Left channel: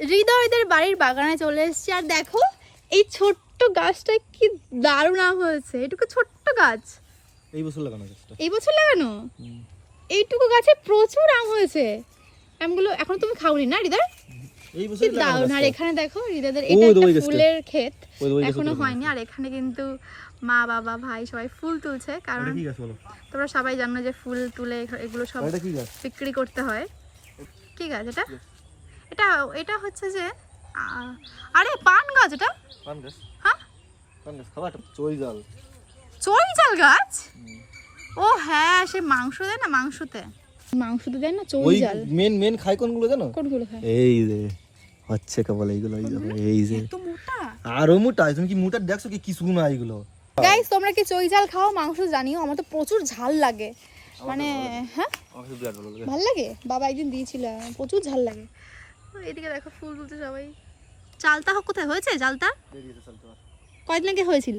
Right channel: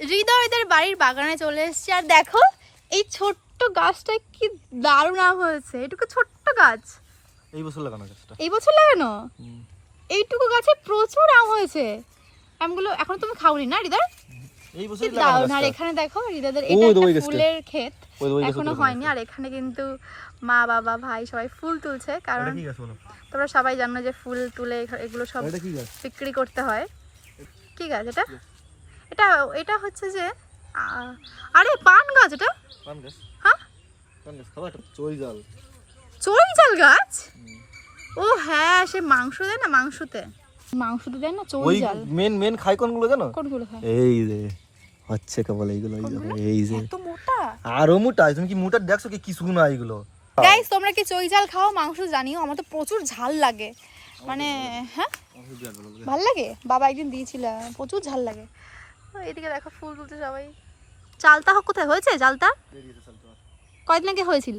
হৃদয়দের বাড়ির বাগানে চলে এসেছি, আর দেখো এই ছোট্ট গাছটা কি দারুণ আম হয়েছে। এটুকু ছোট্ট গাছ, এই বছর লাগানো গাছটা, এই বছর লাগানো। এইটুকু গাছে প্রচুর আম হয়েছে। আমগুলো এখন তুমি খাওনি না হৃদয়? এই বছর কি দারুণ। আর এখানে দেখো হৃদয়দের ওই এটা ওই একটা গাছটা। ফুলের ক্ষেত, ওই গাছটা এখনো তুলে হয়নি। আর এখানে কিন্তু মা বাবা ভাই সবাই ফুল তুলছে, কারণ এটা কি গাছ বলো? তোমরা সবাই জানো যে ফুল তুলে এগুলো সব এটা কি গাছ? বিক্রি করতে হয়। কি গাছ এটা? এটা এটা হচ্ছে যে আরে পান গাছ। এটা পান গাছ? হ্যাঁ পান গাছ খাবা? এটা চৈজাল। চৈজাল গাছ? ও হ্যাঁ, সে মাংস দেয় না, মাংসতে দেয় না ওই চৈজাল। মেন খাই কোনগুলো জানো? কোনগুলো খায়? এই যে হচ্ছে কেবল এইগুলো, এই যে এত মোটা। আরো মোটা। তুমি কি মোটা দেখছো কি কিছু না এইগুলো? গাইস তোমরা কি চৈজাল খাও? মাংস জানিও, আমার তো প্রচুর ঝাল লাগে, মানে হ্যাঁ আমাকে বিরাট ভালো লাগে। ভাল লাগে। বাবা একদিন দিয়েছিল, প্রচুর ঝাল লাগে। এদিকে দেখো ফুল তুলতে সবাই। চালতা কোথায় হয়েছে? চালতা বেরিয়েছে চল তোমার। কয়দিন আগে হয়েছিল?